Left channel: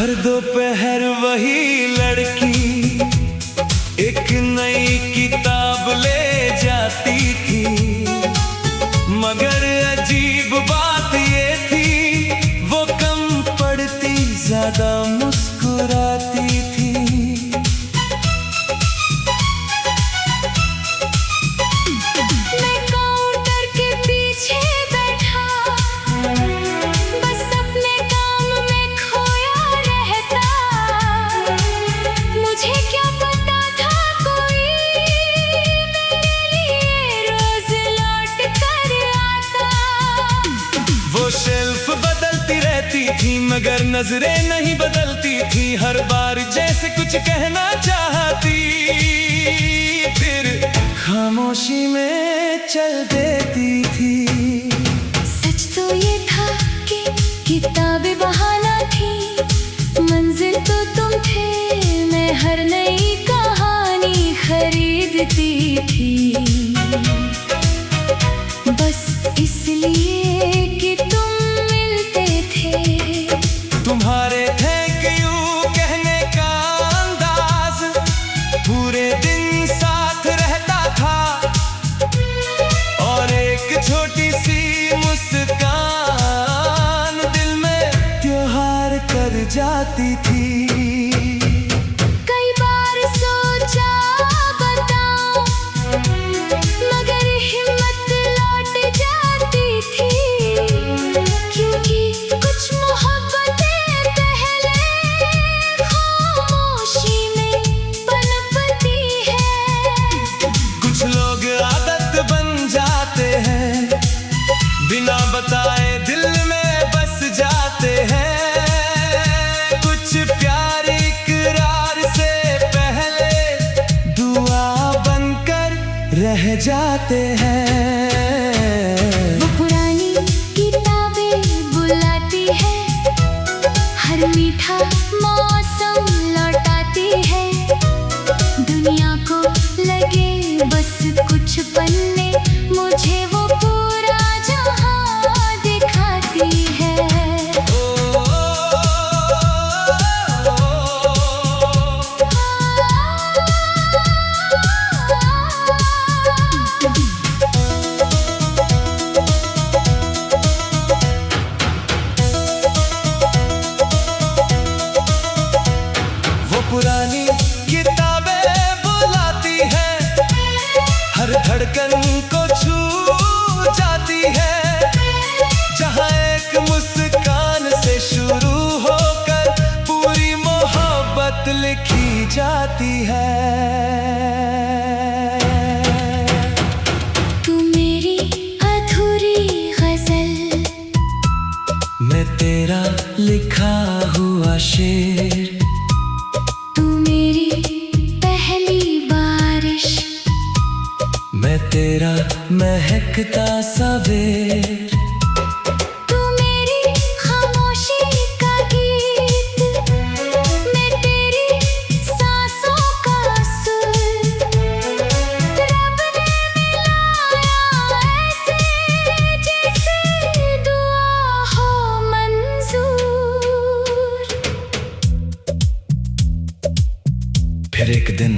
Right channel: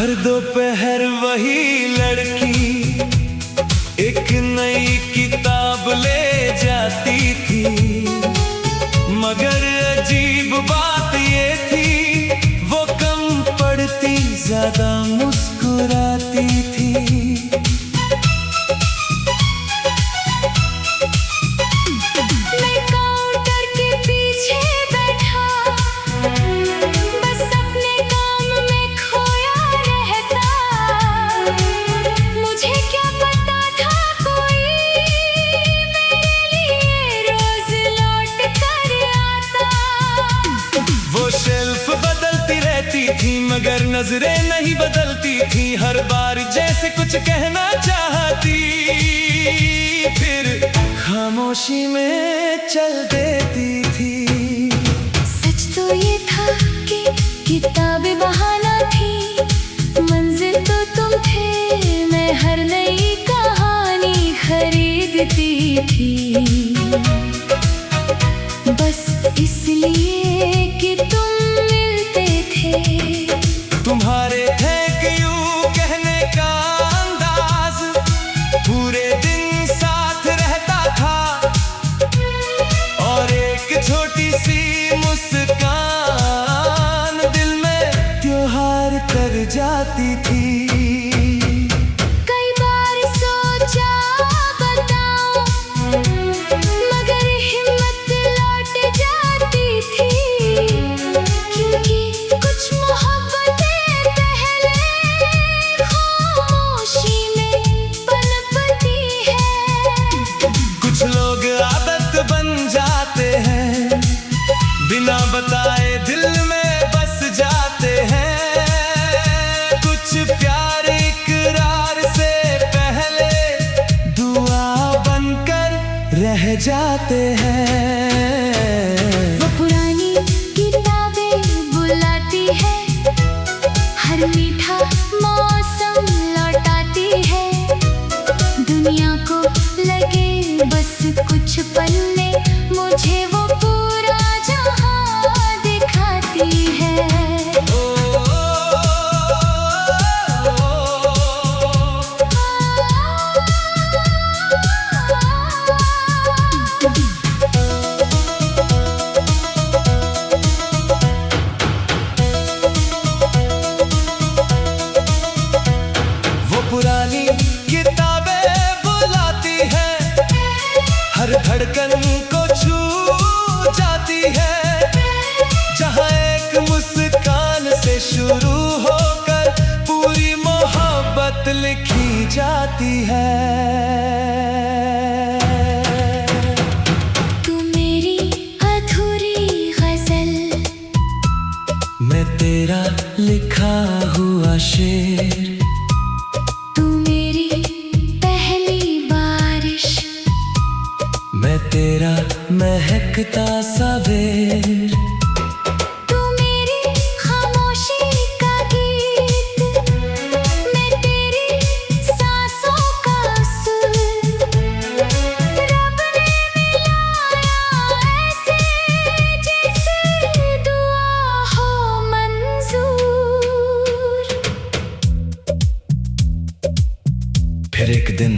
हर दोपहर वही लड़की एक नई किताब ले जाती थी, मगर अजीब बात ये थी वो कम पढ़ती ज्यादा मुस्कुराती थी। मैं काउंटर के पीछे बैठा बस अपने काम में खोया रहता, मुझे क्या पता था कोई मेरे लिए रोज लौट कर आता। वो शेल्फ बदलती रहती थी मगर नजरें नहीं बदलती थी, हर बार जैसे कुछ कहना चाहती फिर खामोशी में चल देती थी। सच तो ये था कि किताबें बहाना थी, मंजिल तो तुम थे, मैं हर नई कहानी खरीदती थी, बस इसलिए कि तुम मिलते थे। तुम्हारे थैंक यू कहने का अंदाज पूरे दिन साथ रहता था, और एक छोटी सी मुस्कान दिल में त्योहार कर जाती थी। कई बार सोचा बताऊं मगर हिम्मत लौट जाती थी, क्योंकि कुछ मोहब्बतें पहले खामोशी में पनपती है। कुछ लोग आदत बन जाते हैं, बिना बताए दिल में बस जाते हैं, कुछ प्यार इकरार से पहले दुआ बनकर रह जाते हैं। वो पुरानी किताबें बुलाती है, हर मीठा मौसम लौटाती है, दुनिया को लगे बस कुछ पन्ने, मुझे वो पूरा जहां दिखाती है। वो पुरानी किताबें बुलाती है, हर धड़कन को छू जाती है, जहां एक मुस्कान से शुरू होकर पूरी मोहब्बत लिखी जाती है। तू मेरी अधूरी गजल, मैं तेरा लिखा हुआ शेर, तू मेरी पहली बारिश, मैं तेरा महकता सा बेर, तू मेरी खामोशी का गीत, मैं तेरी सांसों का सुर, रब ने मिलाया ऐसे जैसे दुआ हो मंजूर। फिर एक दिन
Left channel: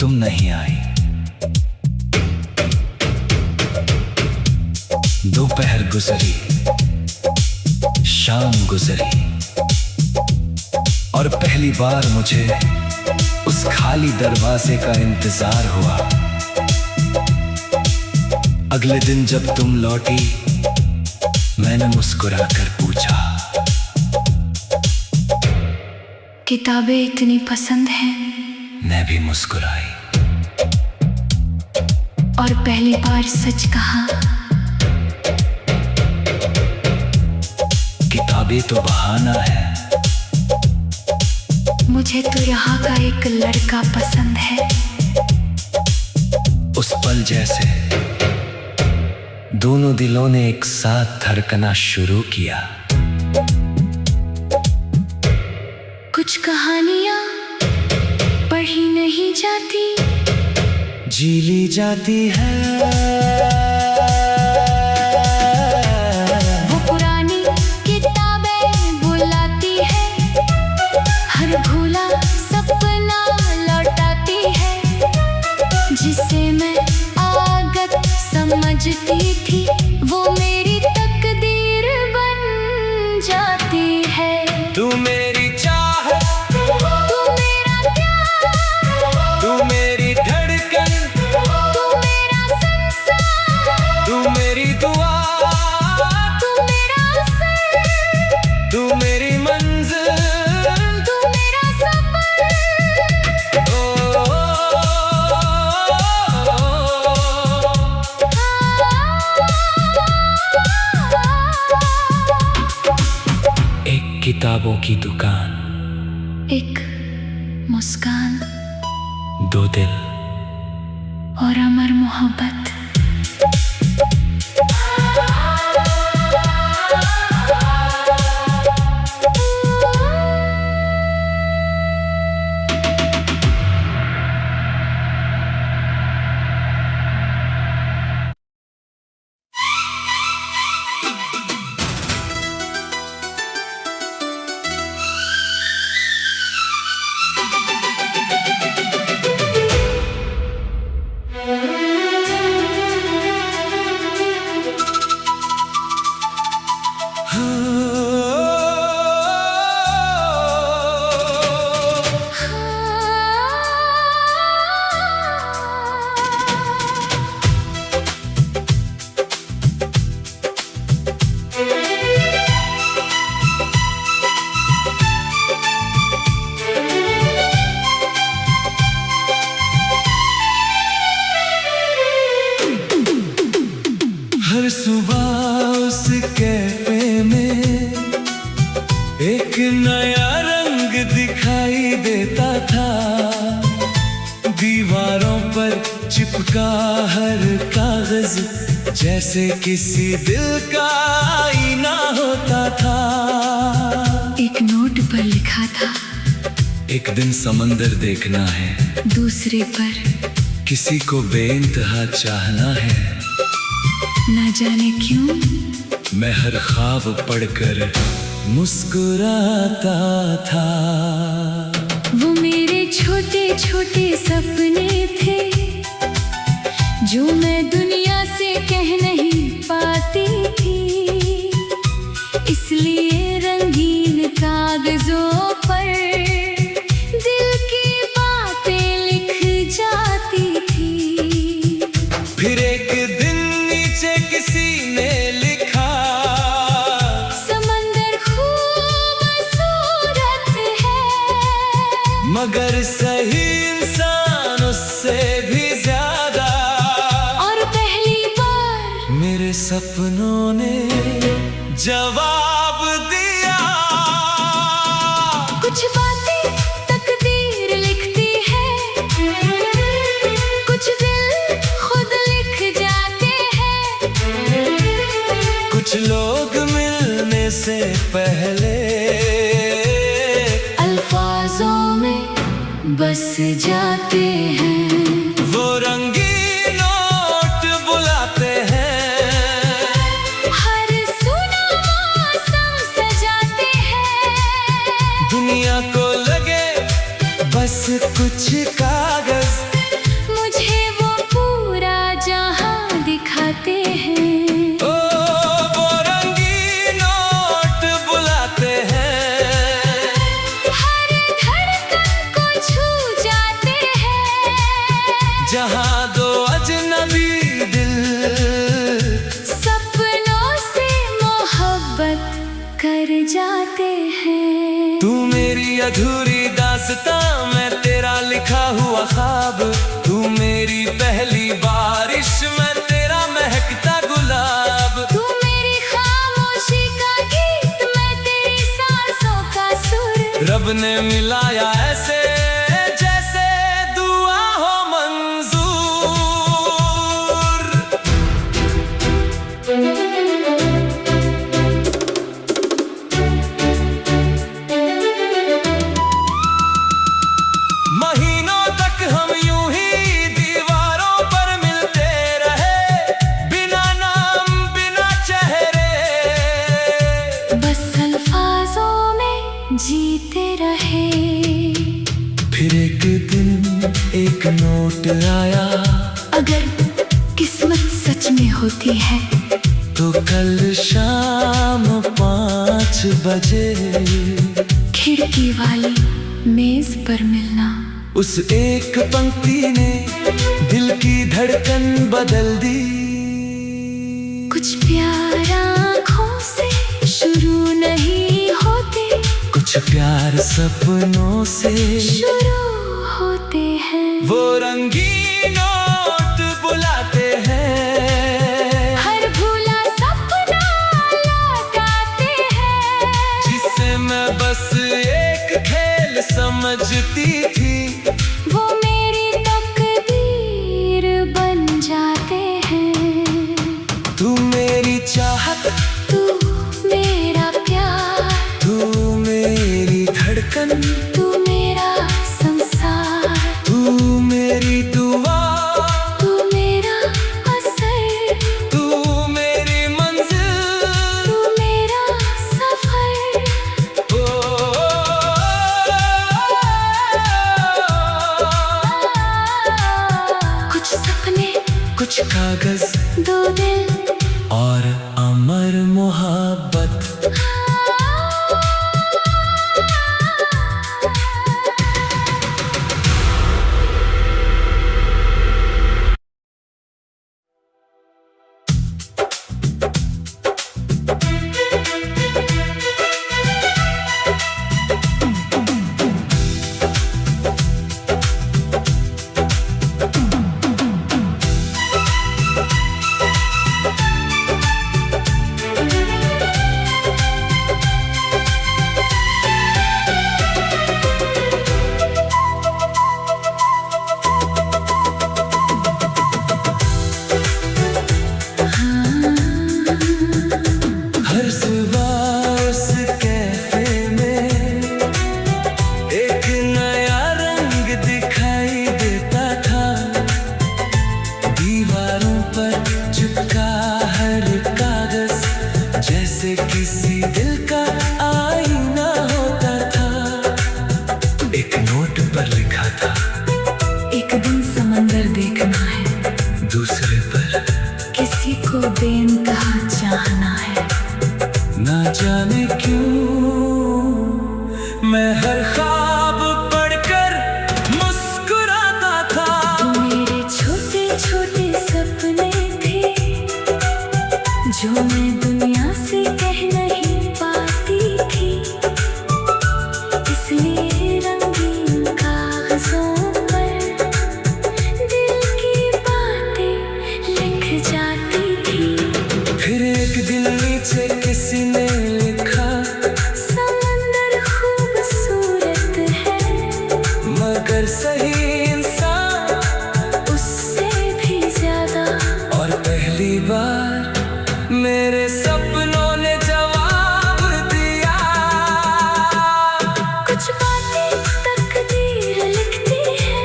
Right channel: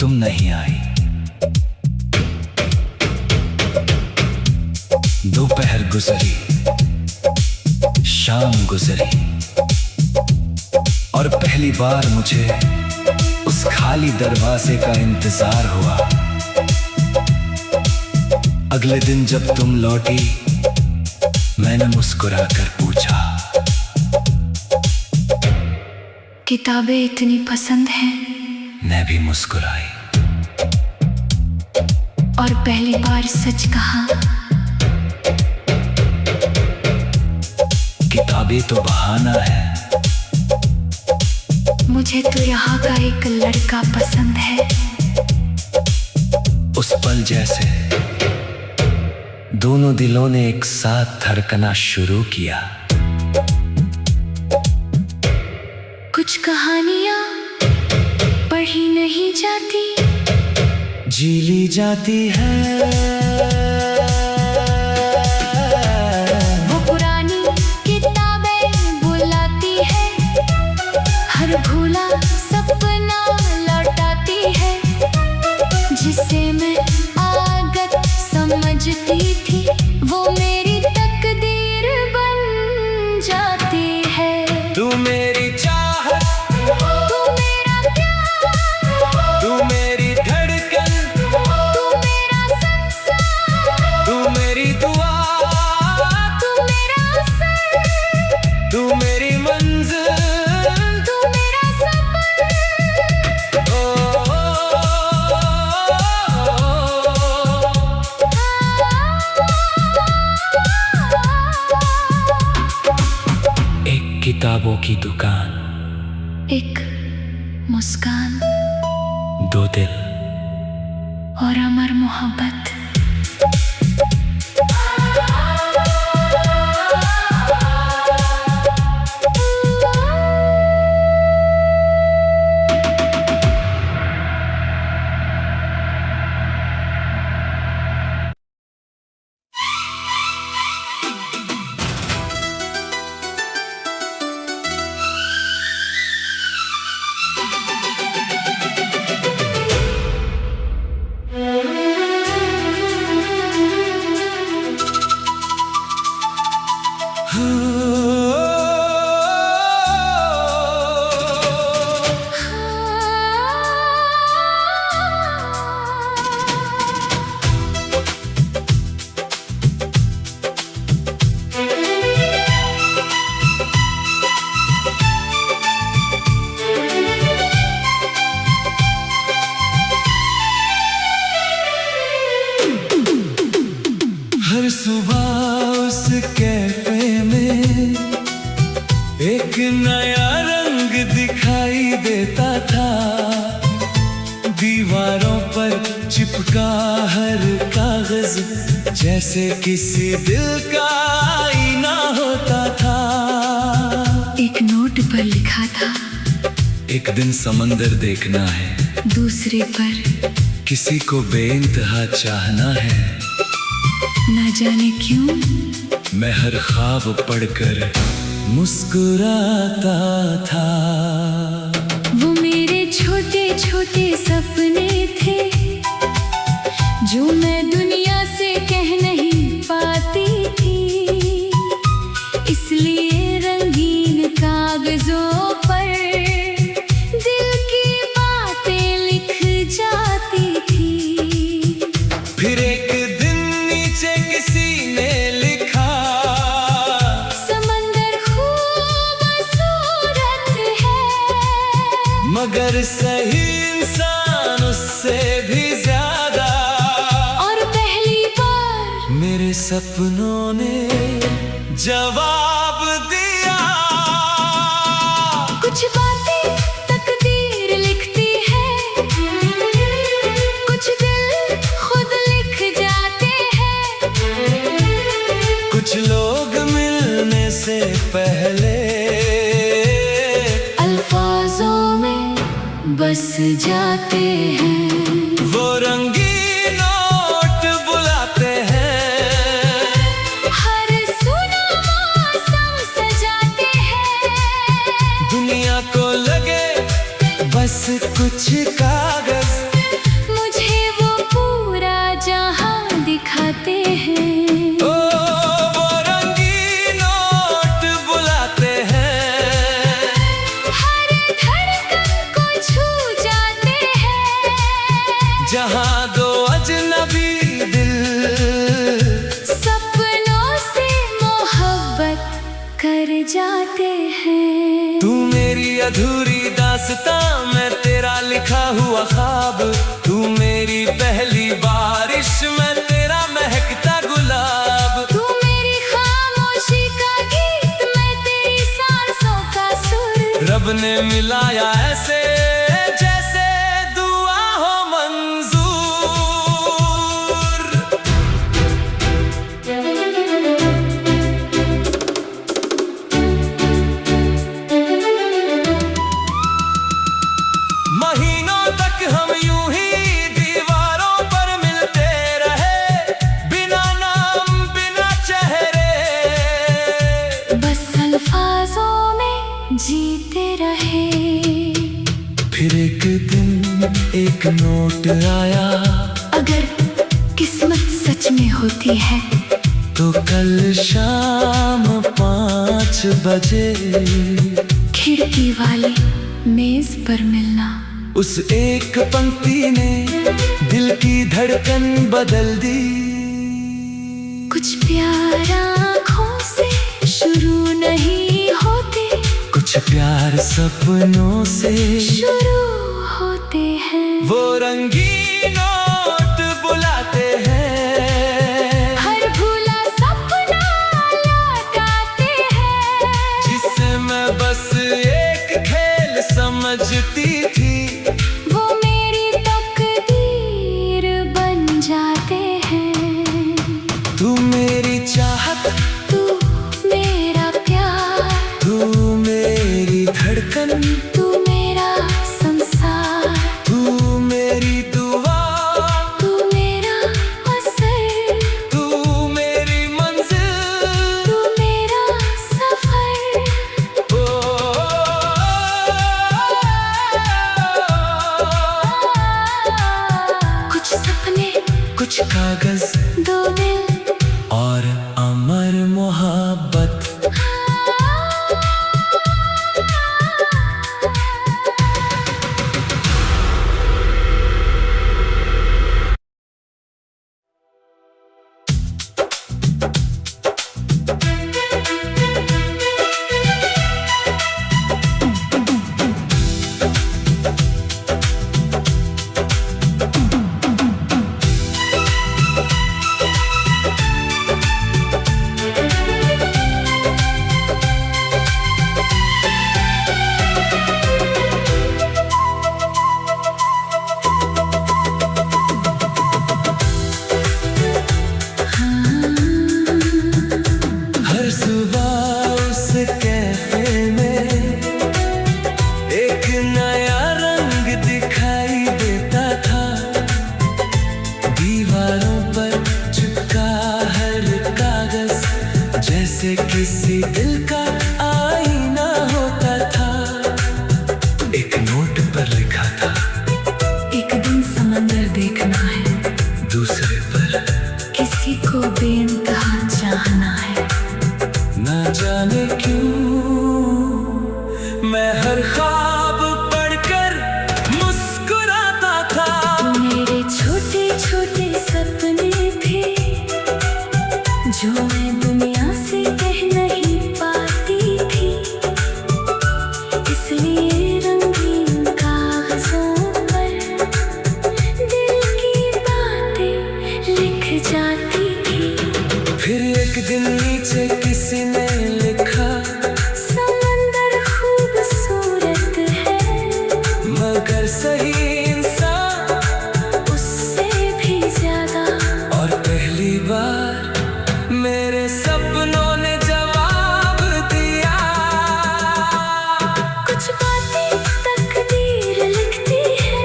तुम नहीं आई, दोपहर गुजरी, शाम गुजरी, और पहली बार मुझे उस खाली दरवाजे का इंतजार हुआ। अगले दिन जब तुम लौटी, मैंने मुस्कुराकर पूछा, किताबें इतनी पसंद हैं? मैं भी मुस्कुराई, और पहली बार सच कहा, किताबें तो बहाना है, मुझे तो यहाँ का एक लड़का पसंद है। उस पल जैसे दोनों दिलों ने एक साथ धड़कना शुरू किया। कुछ कहानियाँ पढ़ी नहीं जाती, जी ली जाती है। वो पुरानी किताबें बुलाती है, हर भूला सपना लौटाती है, जिसे मैं आगत समझती थी वो मेरी तकदीर बन जाती है। तू मेरी चाहत, तू मेरा प्यार, तू मेरी धड़कन, तू मेरा संसार, तू मेरी दुआ, तू मेरा असर, तू मेरी मंजिल, तू मेरा सफर। एक किताबों की दुकान, एक मुस्कान दो दिल और अमर मोहब्बत। हर सुबह उस कैफे में एक नया रंग दिखाई देता था। दीवारों पर चिपका हर कागज जैसे किसी दिल का आईना होता था। एक नोट पर लिखा था, एक दिन समंदर देखना है, दूसरे पर किसी को बेइंतहा चाहना है। ना जाने क्यों मैं हर ख्वाब पढ़कर मुस्कुराता था। वो मेरे छोटे छोटे सपने थे जो मैं दुनिया से कह नहीं पाती थी, इसलिए रंगीन कागजों पर दिल की बातें लिख जाती थी। फिर एक दिन नीचे किसी ने लिखा, समंदर खूबसूरत है मगर सही इंसान उससे भी ज्यादा। और पहली बार मेरे सपनों ने जवाब दिया। कुछ बातें तकदीर लिखती है, कुछ दिल खुद लिख जाते हैं, कुछ लोग मिलने से पहले अल्फाजों में बस जाते हैं। वो रंगीन नोट बुलाते हैं, हर सुना मौसम सजाते हैं। दुनिया को लगे बस कुछ कागज, मुझे वो पूरा जहां दिखाते हैं। ओ वो रंगीन नोट बुलाते हैं, हर धड़कन को छू जाते हैं। जहां दो अजनबी दिल सपनों से मोहब्बत कर जाते हैं। तू मेरी अधूरी दास्तां, मैं तेरा लिखा हुआ ख्वाब। तू मेरी पहली बारिश, मैं तेरा महकता गुलाब। तू मेरी खामोशी का गीत, मैं तेरी सांसों का सुर। रब ने मिलाया ऐसे जैसे दुआ हो मंजूर। महीनों तक हम यूं ही दीवारों पर मिलते रहे, बिना नाम बिना चेहरे। बस अल्फाजों में जीते रहे। फिर एक दिन एक नोट आया, अगर किस्मत सच में होती है तो कल शाम 5 बजे खिड़की वाली मेज पर मिलना। उस एक पंक्ति ने दिल की धड़कन बदल दी। कुछ प्यार आँखों से शुरू नहीं होते, कुछ प्यार सपनों से शुरू होते हैं। वो रंगीन नोट बुलाते हैं, हर भूला सपना लौटाते हैं। जिसे मैं बस एक खेल समझती थी, वो मेरी तकदीर बन जाते हैं। तू मेरी चाहत, तू मेरा प्यार, तू मेरी धड़कन, तू मेरा संसार, तू मेरी दुआ, तू मेरा असर, तू मेरी मंजिल, तू मेरा सफर। ओ, कुछ सपने, कुछ कागज, 2 दिल और अमर मोहब्बत। हर सुबह उस कैफे में एक नया रंग दिखाई देता था। दीवारों पर चिपका हर कागज जैसे किसी दिल का आईना होता था। एक नोट पर लिखा था, एक दिन समंदर देखना है, दूसरे पर किसी को बेइंतहा चाहना है। ना जाने क्यों मैं हर ख्वाब पढ़कर मुस्कुराता था। तू मेरे छोटे छोटे सपने थे, जो मैं दुनिया से कह नहीं पाती थी। इसलिए रंगीन कागजों पर दिल की बातें लिख जाती थी। फिर एक दिन नीचे किसी ने लिखा, समंदर खूबसूरत है, मगर सही इंसान उससे भी ज्यादा। और पहली बार मेरे सपनों ने जवाब दिया। कुछ बातें तकदीर लिखती है,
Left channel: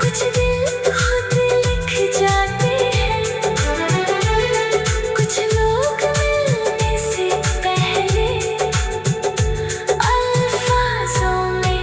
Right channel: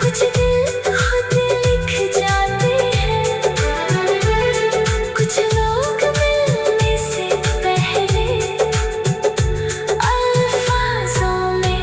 कुछ दिल खुद लिख जाते हैं। कुछ लोग मिलने से पहले अल्फाजों में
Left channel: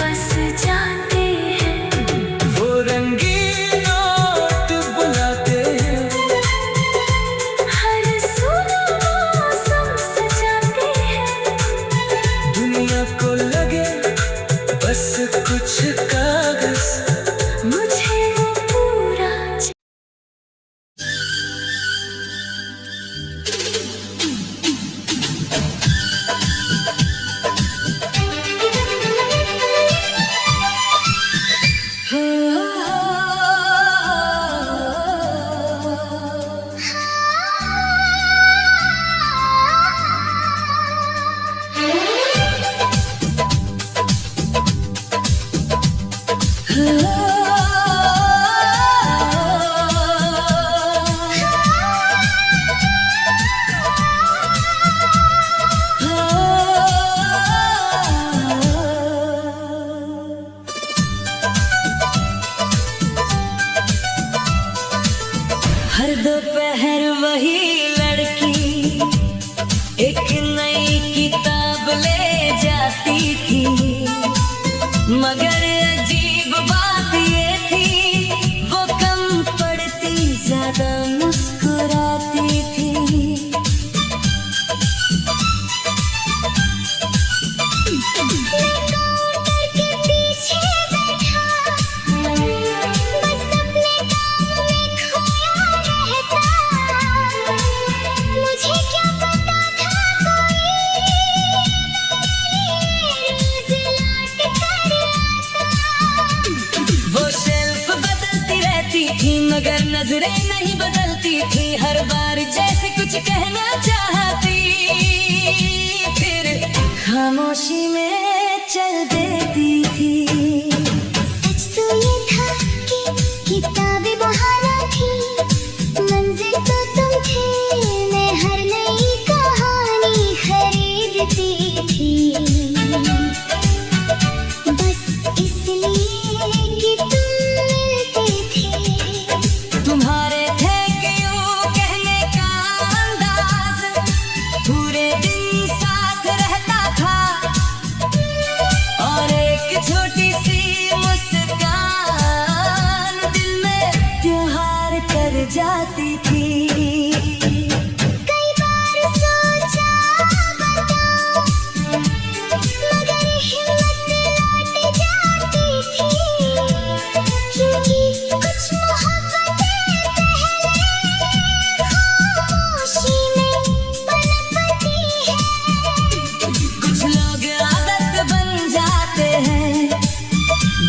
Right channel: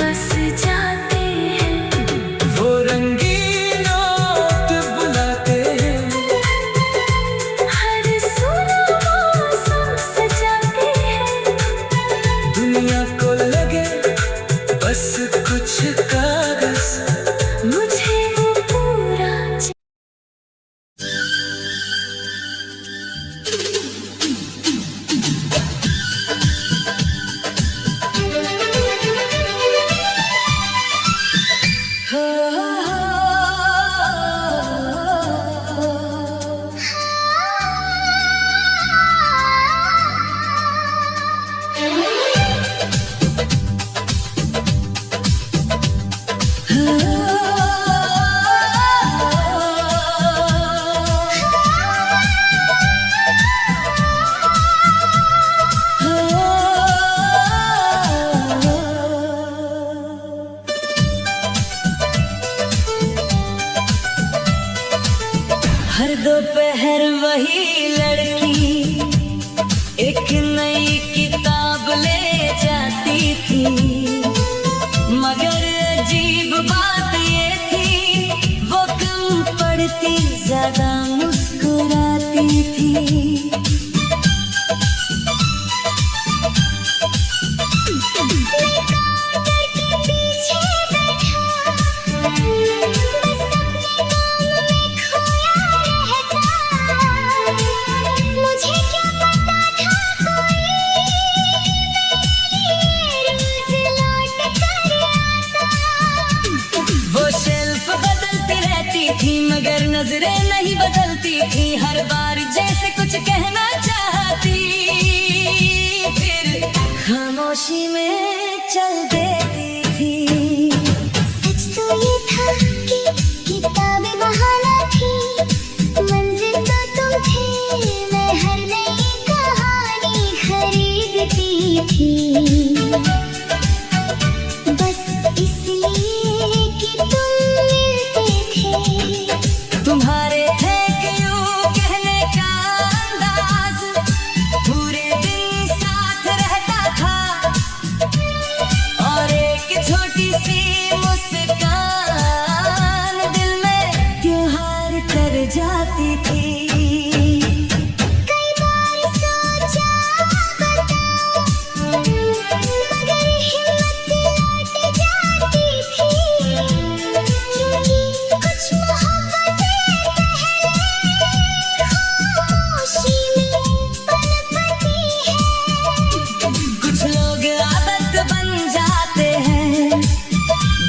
बस जाते हैं। वो रंगीन नोट बुलाते हैं, हर सुना मौसम सजाते हैं। दुनिया को लगे बस कुछ कागज, मुझे वो पूरा हर दोपहर वही लड़की एक नई किताब मगर अजीब बात ये थी, वो कम पढ़ती ज्यादा मुस्कुराती थी। नजरें नहीं बदलती थी, हर बार जैसे कुछ कहना चाहती, फिर खामोशी में चल देती थी। सच तो ये था कि किताबें बहाना थी, मंजिल तो तुम थे, मैं हर नई कहानी खरीदती थी। तुम्हारे थे क्यों कहने का अंदाज, पूरे दिन साथ रहता था, और एक छोटी सी मुस्कान दिल में त्योहार कर जाती थी। कई बार सोचा बताऊं, मगर हिम्मत लौट जाती थी। कुछ मोहब्बत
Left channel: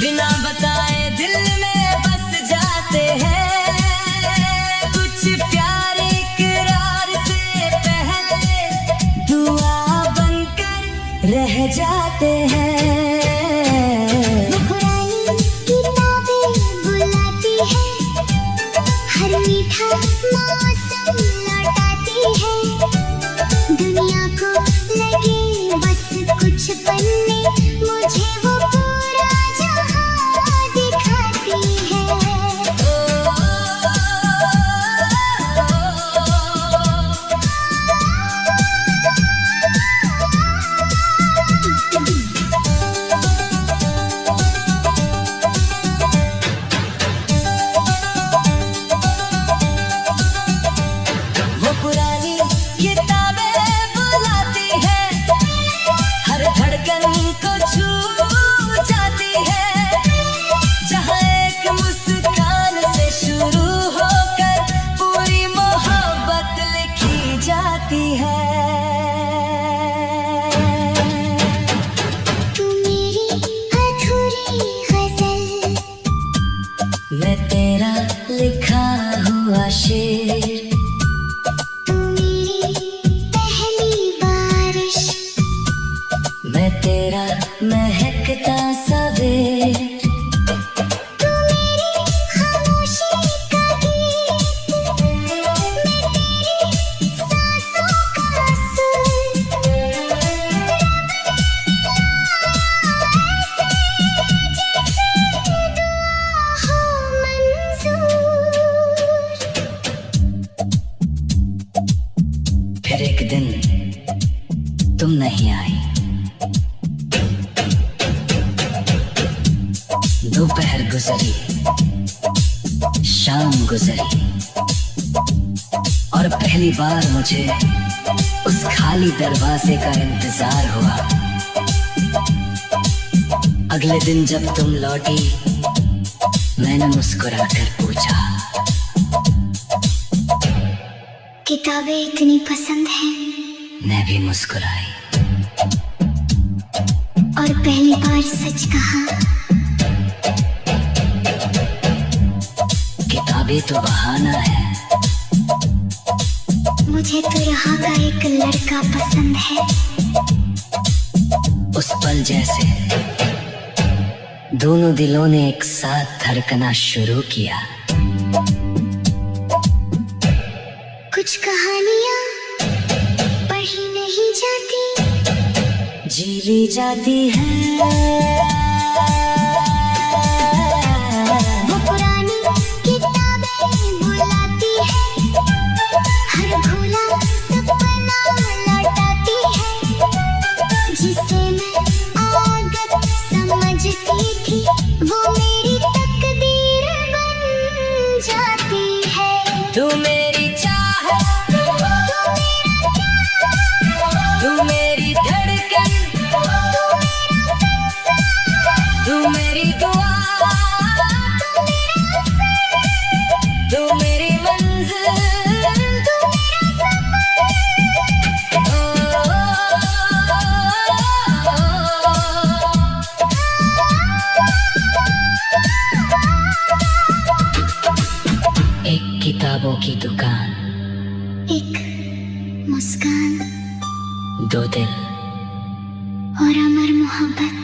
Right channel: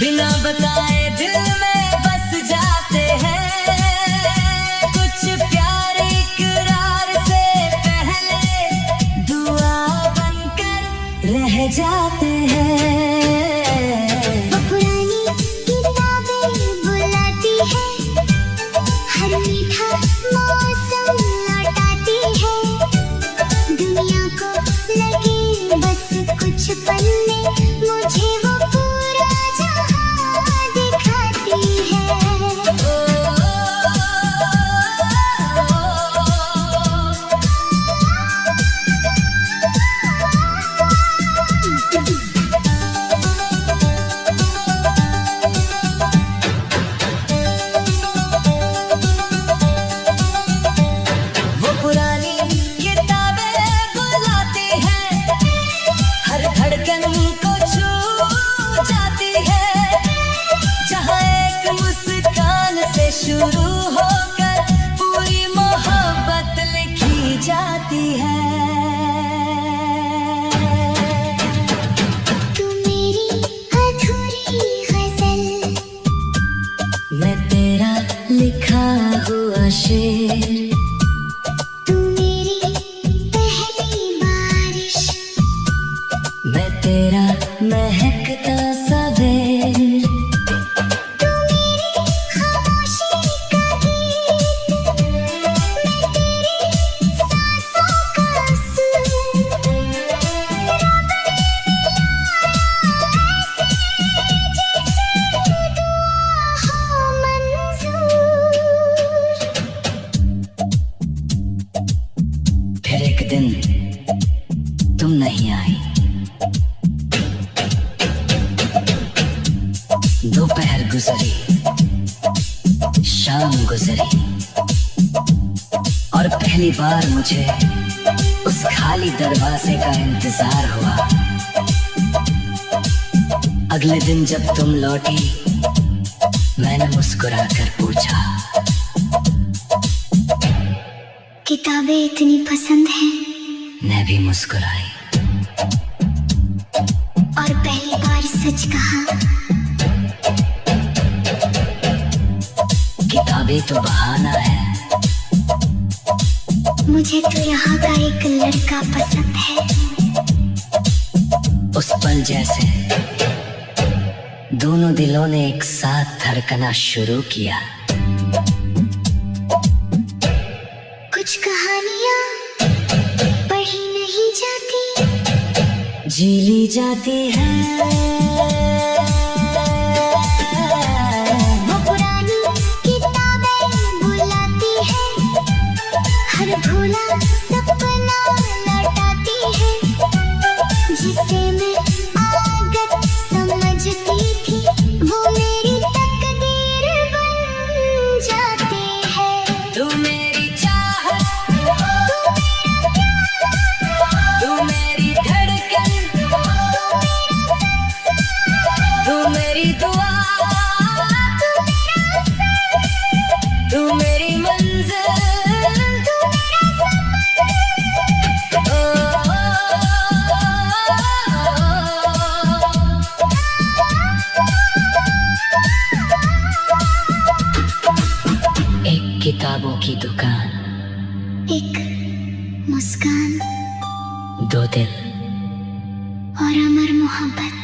बिना बताए दिल में बस जाते हैं, कुछ प्यार इकरार से पहले दुआ बनकर रह जाते हैं। पुरानी किताबें बुलाती है, हर मीठा मौसम लौटाती है, दुनिया को लगे बस कुछ पन्ने, मुझे वो पुरानी किताबें बुलाती है, हर धड़कन को छू जाती है, जहाँ एक मुस्कान से शुरू होकर पूरी मोहब्बत लिखी जाती है। तू मेरी अधूरी गजल, मैं तेरा लिखा हुआ शेर, मैं तेरा महकता सवेर, तू मेरी खामोशी का गीत, मैं तेरी सांसों का सुर, जैसे हो मंजूर। फिर एक दिन तुम नहीं आई, दोपहर गुजरी, शाम गुजरी, और पहली बार मुझे उस खाली दरवाजे का इंतजार हुआ। अगले दिन जब तुम लौटी, मैंने मुस्कुराकर पूछा, किताबें इतनी पसंद हैं? मैं भी मुस्कुराई और पहली बार सच कहा, किताबें तो बहाना है, मुझे तो यहाँ का एक लड़का पसंद है। उस पल जैसे दोनों दिलों ने एक साथ धड़कना शुरू किया। कुछ कहानियाँ पढ़ी नहीं जाती, जी ली जाती है। भूला सपना लौटाती है, जिसे मैं आदत समझती किताबों की दुकान, एक मुस्कान दो दिल और अमर मोहब्बत।